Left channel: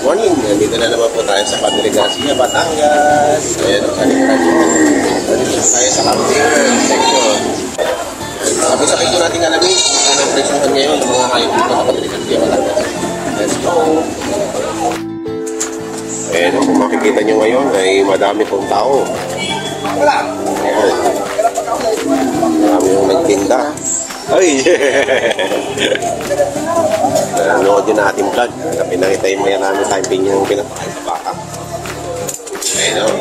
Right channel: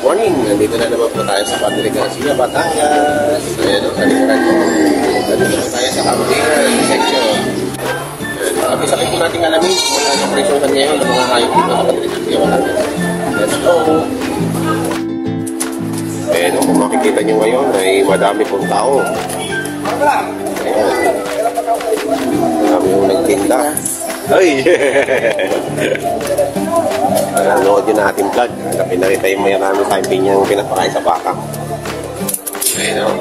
Good morning! Nandito na naman po tayo sa Padre Garcia, Batangas. Ayan o, kalikran nyo. Nandito tayo sa camping section. Sabi-sabi po natin alamin kung ang presyohan ngayon ng mga hayop dito sa Padre Garcia, Batangas. Let's go! Ayan o, kung makikita nyo ngayon ay madami pong tao. Ayan. Marami yung nagtinda. Ay! Nanood yun na ating vlog. Pinakita yung may marami tayong pinyang pinapakain sa baka. Ayun o.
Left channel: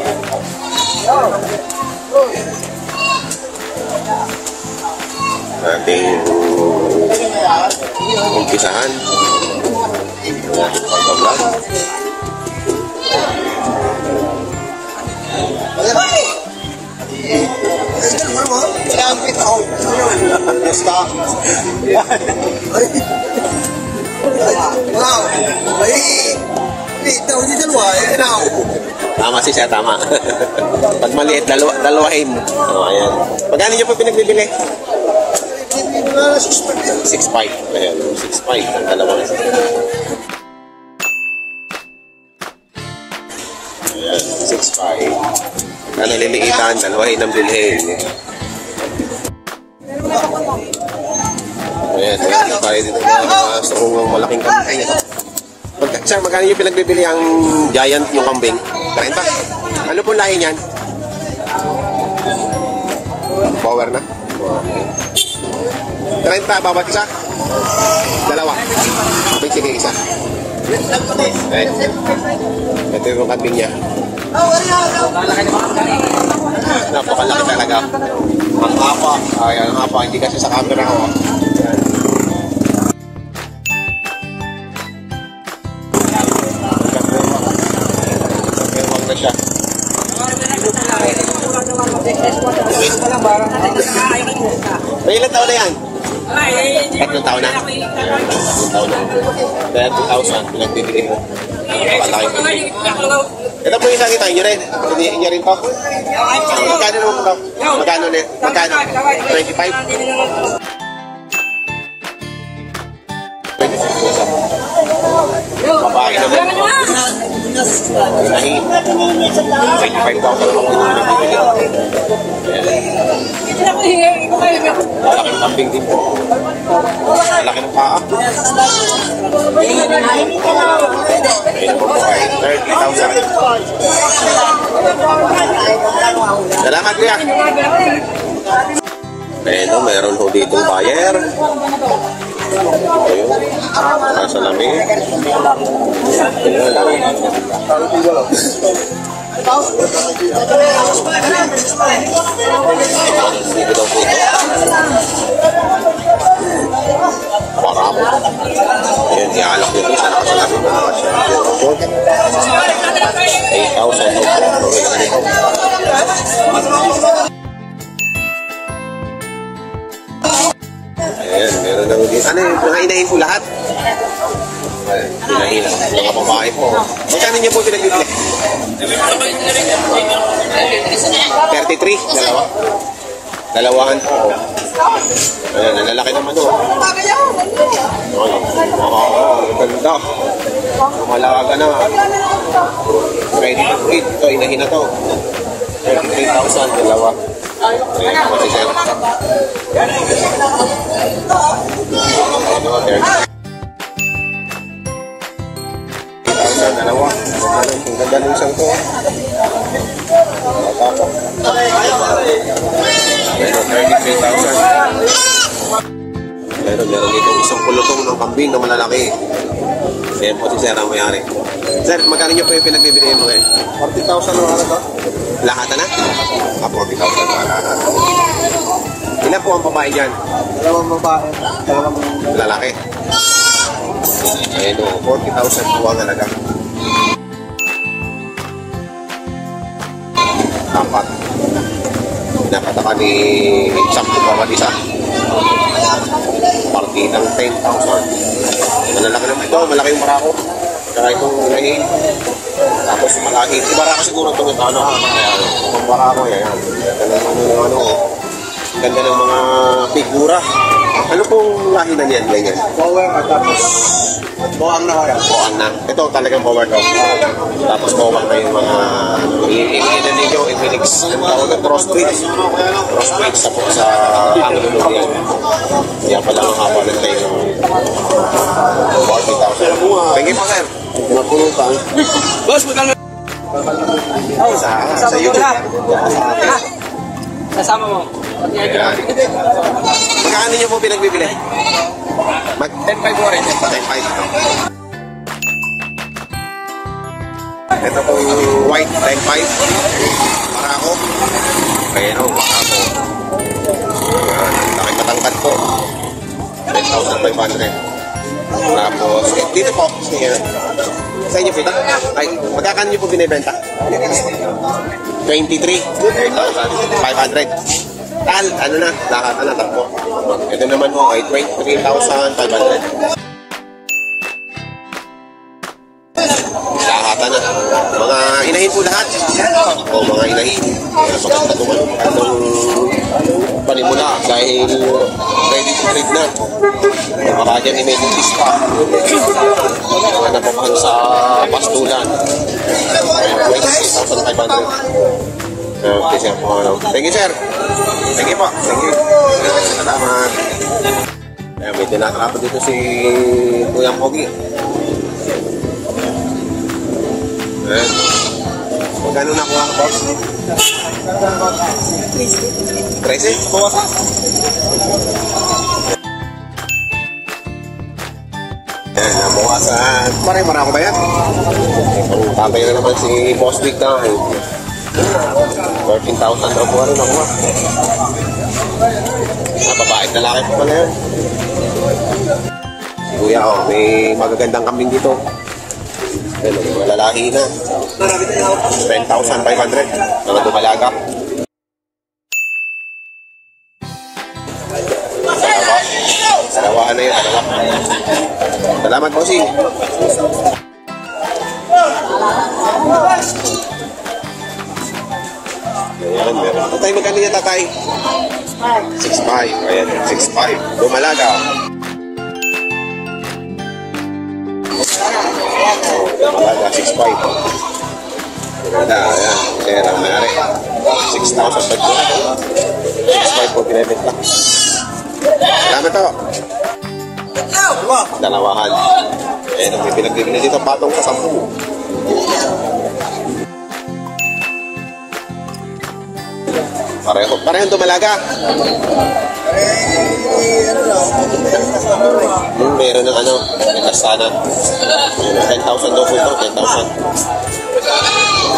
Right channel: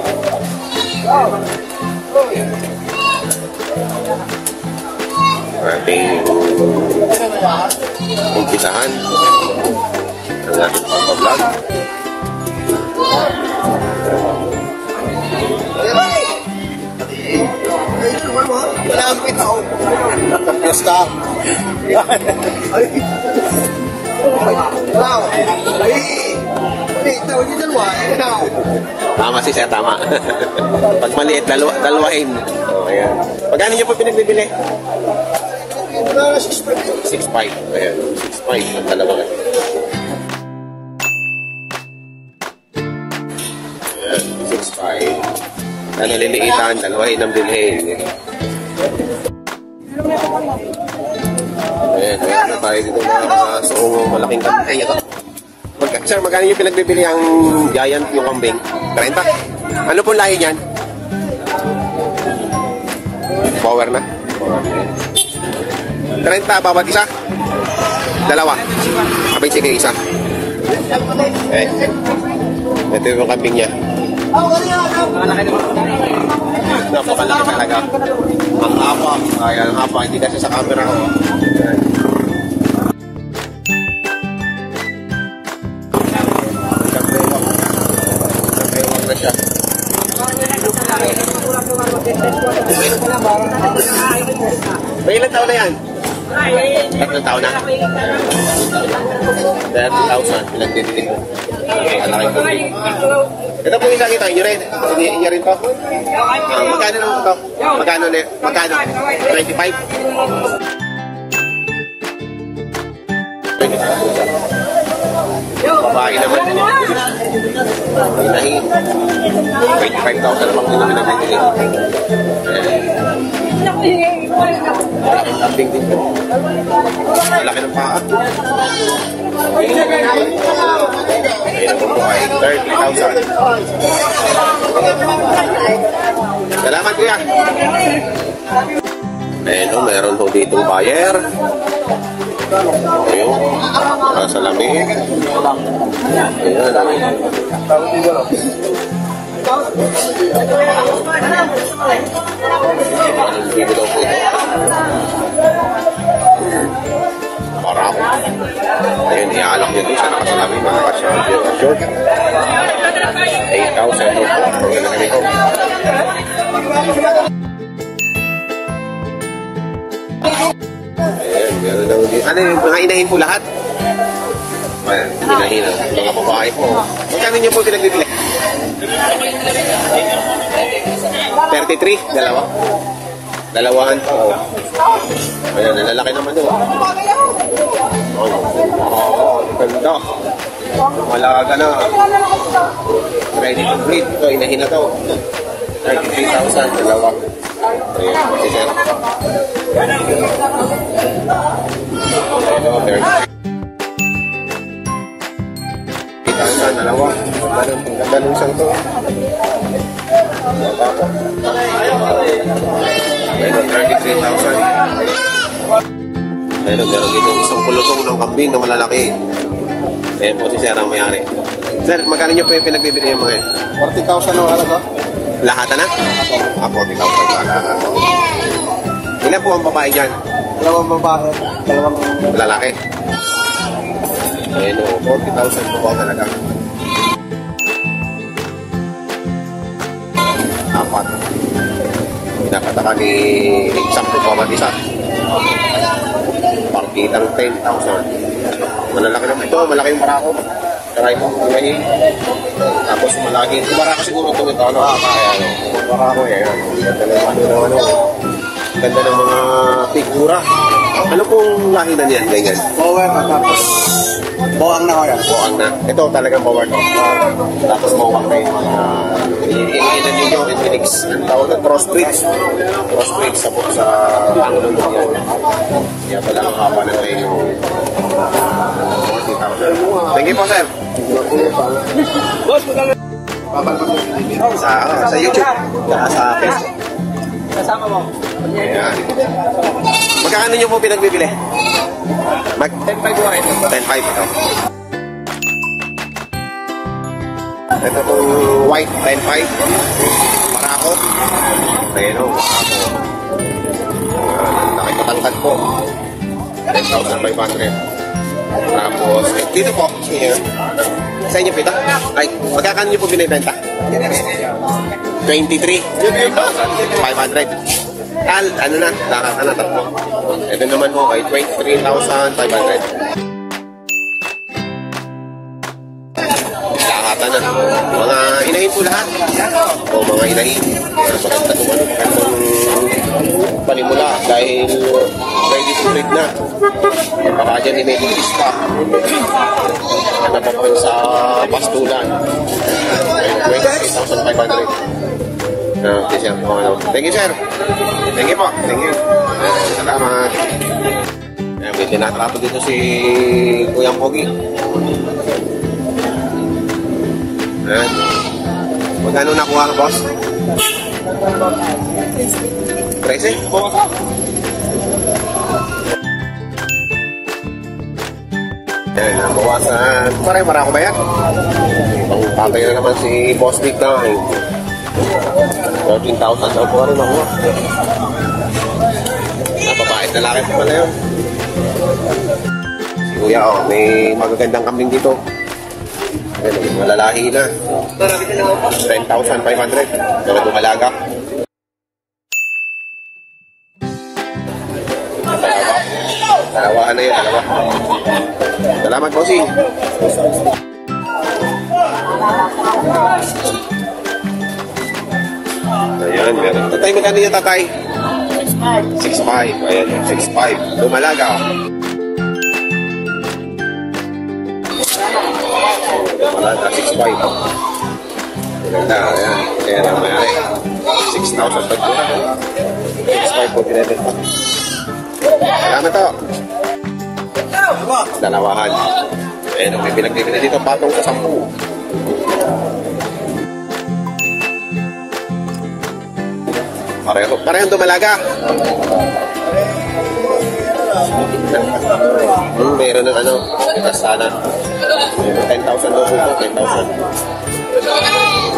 Ating umpisahan ang ating pagpa-vlog. Tama si siya, tama. Pag maliit, dalawahin. O, ayan. Magkano niyo po pinagbibili? 6.5. Ayan, 6.5. Ang dalawang. Ayan, 6.5. Na naliliitan, dalawahin ang bilhin. Ayan, meron tayo dito mga suong malaking kambing. Sir, magkano yung pinagbibili ang giant yung kambing? 30? Ano pong lahi niyan? Power na? Okay. 30, bawat isa? Dalawa? Abay, sige, isa. Ayan. Ito yung kambing niya. Napakalaki talaga. Ang hapa. Ayan, ang hapa. Hindi kasi sa camera ko. Ayan. Nagkewang na siya. May ilang taon na yan? 3 taon na? 30,000. Pinagtitikin mo. Napakalaki ko. Ito po yung nakita nyo rin. Hindi rin po. Magkano naman po? Magkano? 25? Babae naman. Inahin. 25,000 naman po yung nagbibili. Malaking kambing din po. Malaki ng paa. Ayun naman po ay 30,000. Salamat kuya. Ayun o, meron po ditong buyer. Ayun, nasa lamig. Ayun o. Dito daw po ito. Para ako. Ayun, iaalak nyo ito. Sana kasalamig na nakasya. Short. 8,000 daw po. Pero ganito. Ayan, meron daw dito. Ano yung mga inahin po lahat? Ayan, inahin ang mga babae po. Magkano nyo po pinagbibili? 33? Dalawa? Dalawaan po. Ayan, nalalaki naman ito. Ay, ganda. Malaga na. Ready to breed. Ito, inahin na ito. 33,000, dalawa. Ayan, kasi sir. Ayan o, 30,000, dalawa. Ang ganun siyang to. Matapa. Ayan o, 33,000. Ayan o, meron dito isang kulutong ng kambing na malalaki. Ayan po si sir ang mayari. Sir, magkano nyo po yung pinagbibili yung mga yun? 40,000 yung ano ba? Lahat na? 40,000 lahat. Ilan po ang babae dyan? Dalawang babae. Lalaki. Ayan o, 40,000 po ang halaga. 4. Pinapataka ni Sampo pa man isa. Partitang 10,000. Malalaki naman ito, malaki yung barako. Saka itong ilahin. Tapos malaki. Yung barako siguro itong ito, ano? Ayan, itong barako, yan. Ganda ng ano. Ganda ng mga figura. Ano pong lahi na niyan? Ganyan. Power tapos buwang na kaya. Buwang na. Ito talagang power to. Tapos buwang na yung mga iniinan ninyo, imilix. Ang tawag na crossbreed. Crossbreed sa Anglo yan. Kaya pala ang haba ng tayo. 40,000. Thank you po, sir. Napulutan. Boss, magkano? Sa YouTube. Sa akin. Kasama mo. Ayan. Magkano nyo po pinagbibili? 10.5 mo rin. 10.5 ito. Ito pong white 10.5. Marako. Ayan o, marako. Ayan, ang laki matangkad po. 10,500. Tapos, dito po. Sa inyo pita? Ay, magkakano nyo po binibenta? 23,500. Ano na, lahat na tatlo. Ito naman po ay 23,500. Lahatan na. Mga inahin po lahat. O mga inahin. Maganda itong magandang panimula dahil ready to breed na. Baka dyan may medicine pa. Napapahan sa pastulan. 23,500. Okay, sir. Thank you, sir. Thank you po. Thank you. Salamat. Ayan, may tinatrapo dito si Kuyang Pogi. Ayan. Magkano nakuha ka, boss? 13? Ayan, nabawasan. Marako ba yan? Itong tatay na naman si Boss Big na 13,000 daw po rin nakuha. Babae at lalaki po pala yun. Kuya, oh, may magagandang kambing dito. Ayan, may mga lalaki na. 10,500. Naman dumalaga. Dalawahan na yun, dalawa. Salamat, bossing. Ayan, meron. Tatay, magkano niya, tatay? 6.5. Ayan, 6.5. Dumalaga. Dumalaga, 6.5. Maganda, ayan. Pera na mayari. 6,000 pa ito. 6.5 po pinibenta. Salamat to. Dalawahan. Ayan, may pinagbibili dito, patong sa 10. Parehong dumalaga. Meron ng ano, kasana. 10,000 daw po ito, 10,000.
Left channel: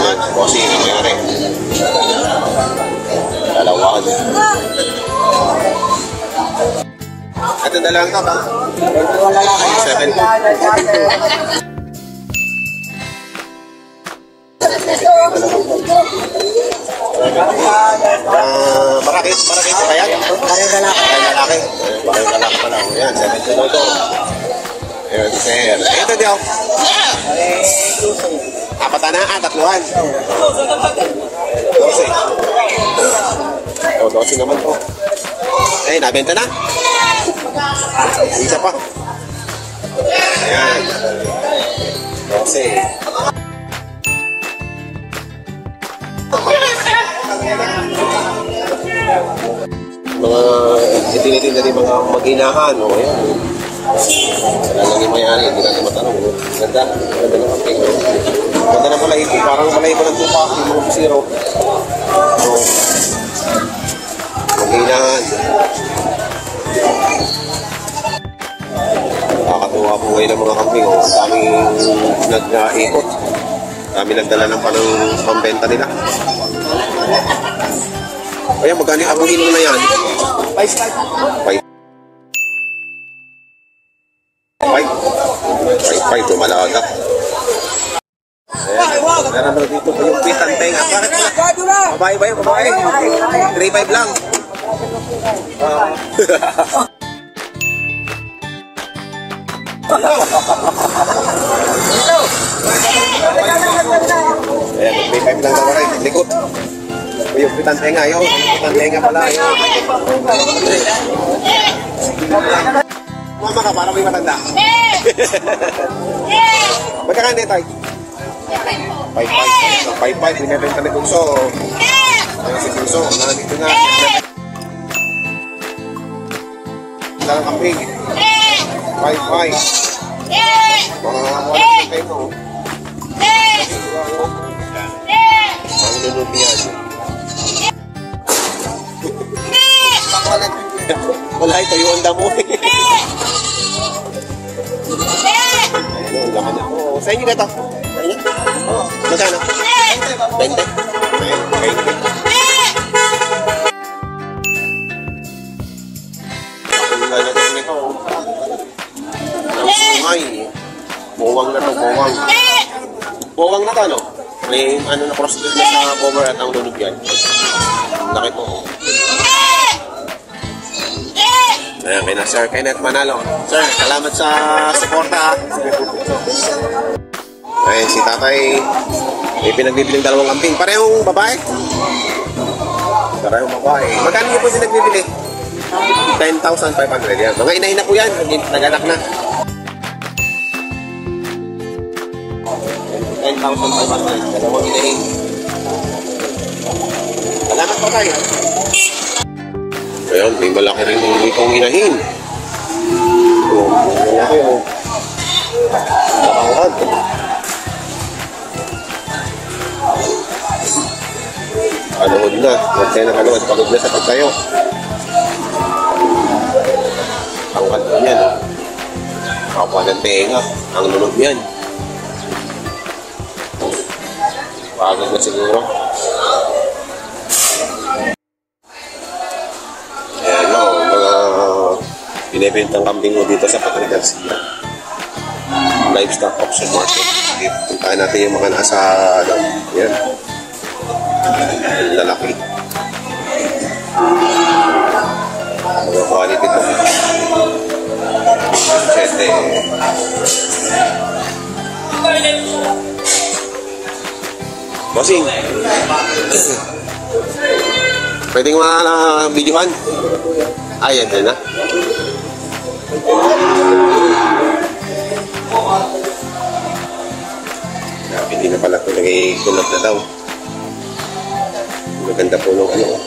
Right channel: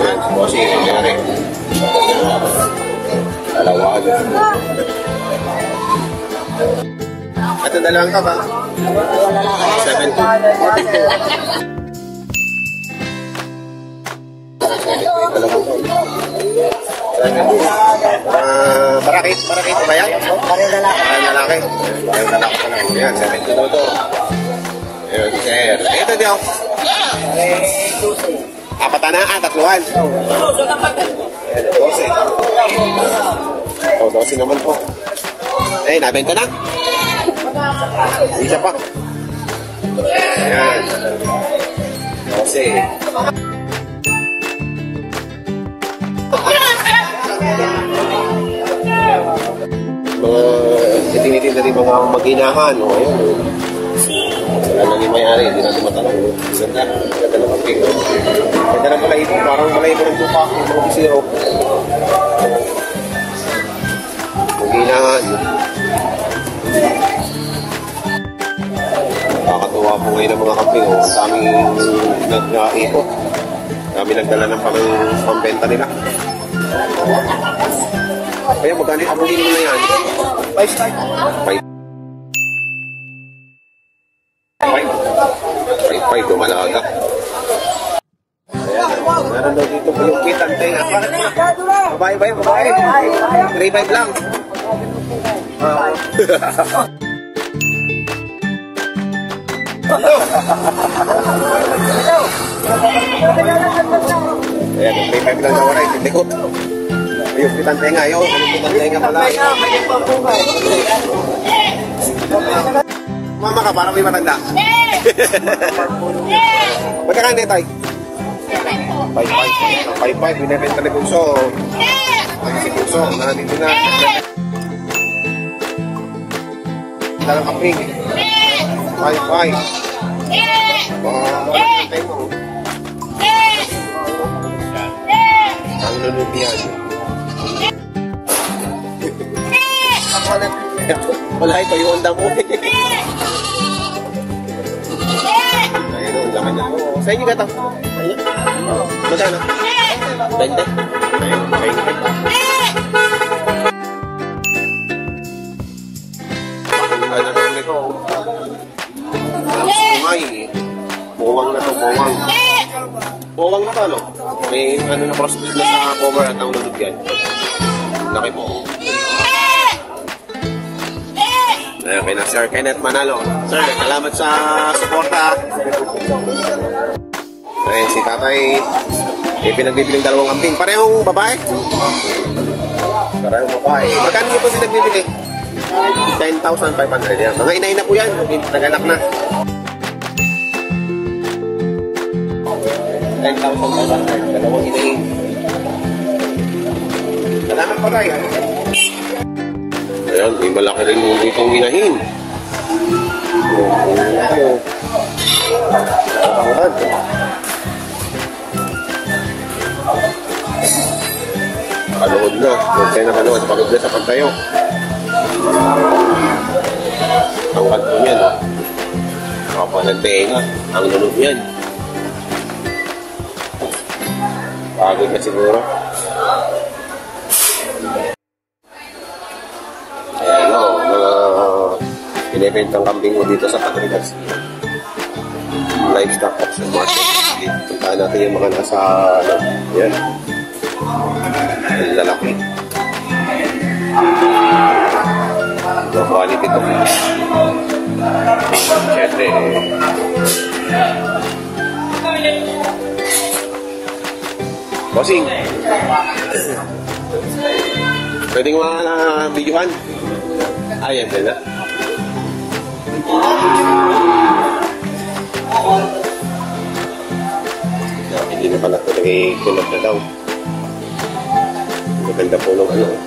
Ayan, bossy, nangyari. Dalawahan. At ang dalawang ito ba? 7. Barakit ba yan? Parehong lalaki. Parehong lalaki pa lang. Ayan, 7 daw ito. Ayan, sir. Ito daw. Apatan na, tatluhan. 12. O, 12 naman po. Eh, nabenta na. Isa pa. Ayan. 12. Mga itinitin na rin mga mag-inahan o ayun. Wala lang yung mayari, hindi natin matanong. Ganda ng pagking. Ganda ng balahibo, parang balahibo ng tupa yung mga bisiro. So, mag-inahan. Nakakatuwa po ngayon ng mga kambing. Ang daming nag-ikot. Dami nagdala ng pambenta nila. Kaya magkano yung abuhin mo na yan? 5 dumalaga. Ayan, meron daw dito pa yung pitang tenga. Bakit mo? Babae ba yun? Babae? 3.5 lang. Ayan, 3.5 lang daw rin. Likot. Yung pitang tenga yun. Yung pitang tenga pala yun. Mama ka, parang may matanda. Magkakano din tayo? 5-5. Binibenta ni Bunso. Ay, si Bunso. Nandito na. Dalang kaping. 5-5. Wala na tayo mo. Ang lulog yan. Wala ito yung onda mo. Ayun, ang laki na. Sa inyo ka ito? Sa inyo? Magkano? 20? Ayun, 20. Ang gana ito nito. Ang sungay. Bowang na ito, bowang. Bowang na ito, ano? May ano na crossbreed na sa cover at ang lulog yan. Laki po. Ayan, kay na Sir Kenneth Manalo. Sir, salamat sa suporta. Ayun, si tatay may pinagbibiling dalawang kambing. Parehong babae? Parehong babae. Magkano niyo po pinagbibili? 10,500 yan. Mga inahin na po yan. Nag-anak na. 10,500. Dalawang inahin. Salamat po tayo. Ayan, may malaki rin yung itong inahin. Malaki o. Nakakangad. Kanood na. Huwag kayo nakanood. Pagod na sa pagtayo. Angkat po yan. Kapwa ng tenga. Ang lunod yan. Pagod na siguro. Ayan o, mga binibintang kambing mo dito sa Patrigas. Livestock auction market. Puntahan natin yung mga nasa, yan. Ang lalaki. Mga quality ito. Siyempre, bossing, pwedeng videohan? Ayan din na. Hindi na pala ito nagkikunat na daw. Maganda po nung ano.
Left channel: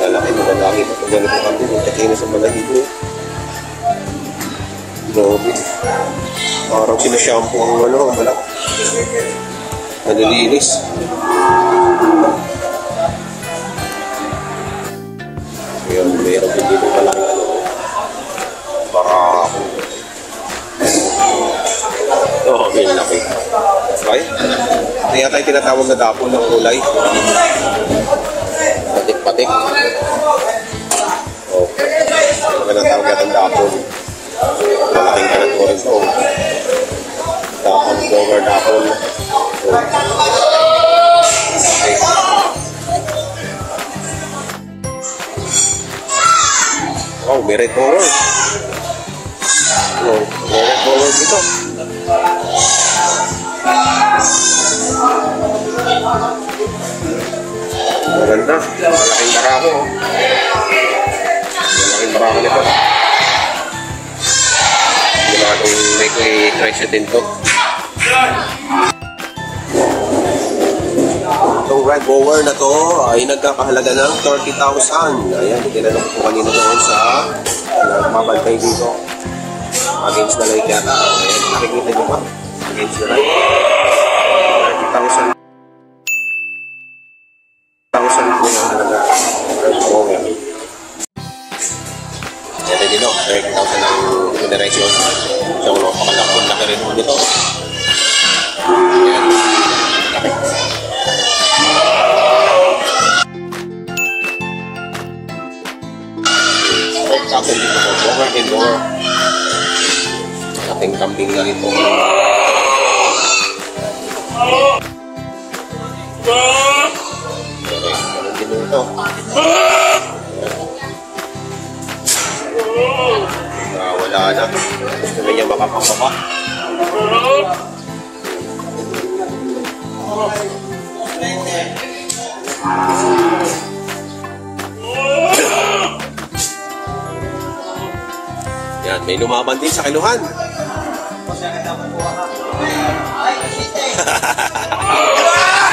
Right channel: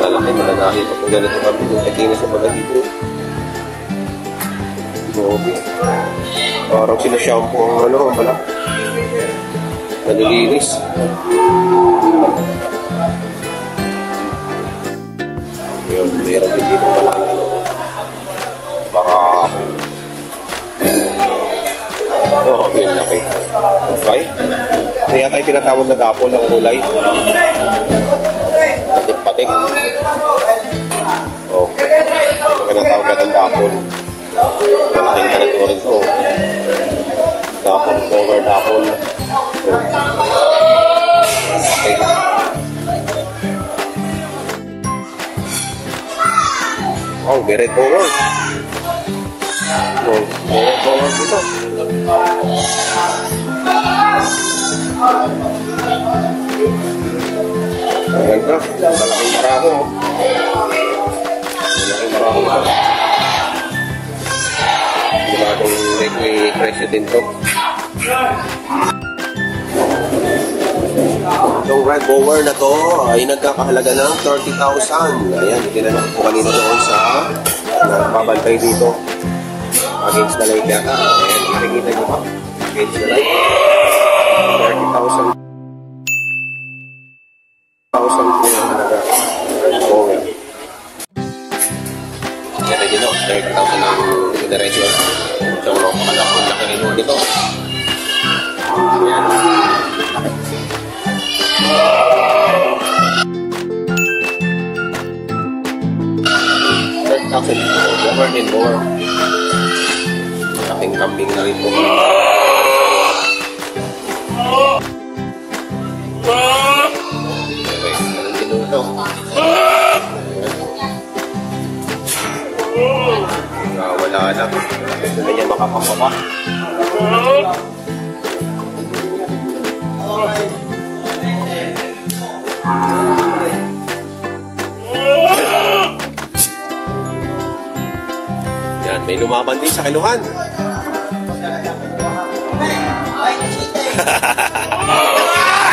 Malalaki, malalaki pa ito ganito kami. Nakikinis sa mga dito. Grabe. Parang sinashampoo ang ano, ang balak. Manilinis. Yun, mayroon din dito pala ang ano. Baka ako. Oo, yun laki. Okay? Kaya tayo tinatawag na dapol ng kulay. Patik-patik. Okay. Ano ka natawag natin dapol? Malaking kanan ko rin ito. Dapol, cover dapol. Okay. Oh, may red cover. Oh, may red cover dito. Maganda. Malaking marako. Malaking marako nito. Hindi na itong may treasure din ito. Itong red bower na to ay nagkakahalaga ng 30,000. Ayan, tinanong ko kanina doon sa nagbabantay dito. Against the light yata. Ayan, nakikita nyo ba? Against the light. 30,000. 1,000 po yung halaga. Red bower. Ito dito, 30,000 ang moderation. So, laki rin dito. Ayan. Lower and lower. Ating kambing na rin po. Okay, ganun din ito. Wala na. Gusto na niya makapangpapa. May lumaban din sa kiluhan.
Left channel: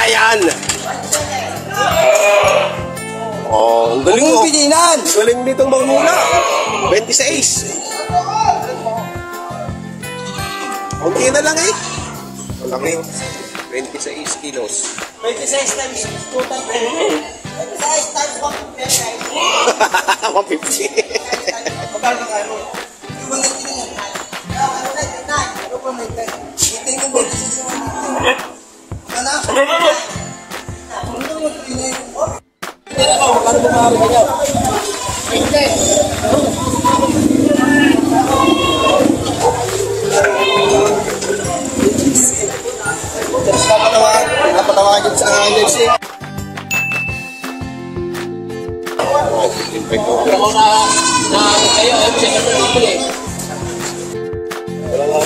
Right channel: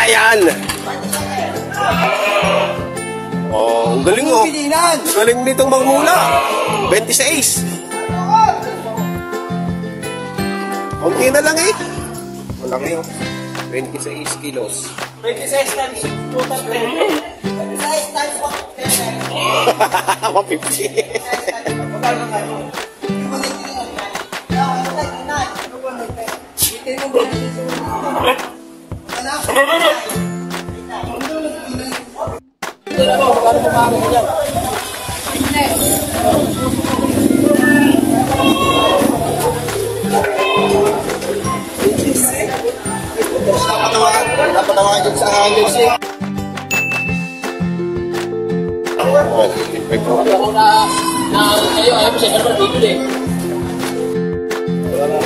Ayan! Oh, ang galing mo. Ang galing ditong magmula. 26. Kunti na lang eh. Walang yun. 26 kilos. 26 times 2 times 26 times 150. Napatawagan sa agency.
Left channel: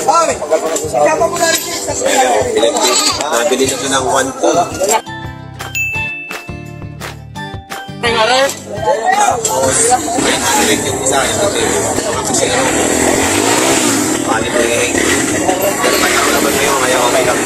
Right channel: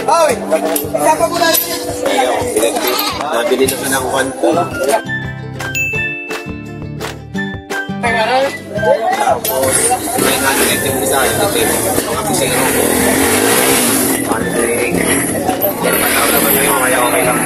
Ay! Sapa ko na rin sa Nabili na ito ng 1-2. Tapos, 900 yung isa. Kasi palit na yung pero matao naman ngayon, kaya okay lang.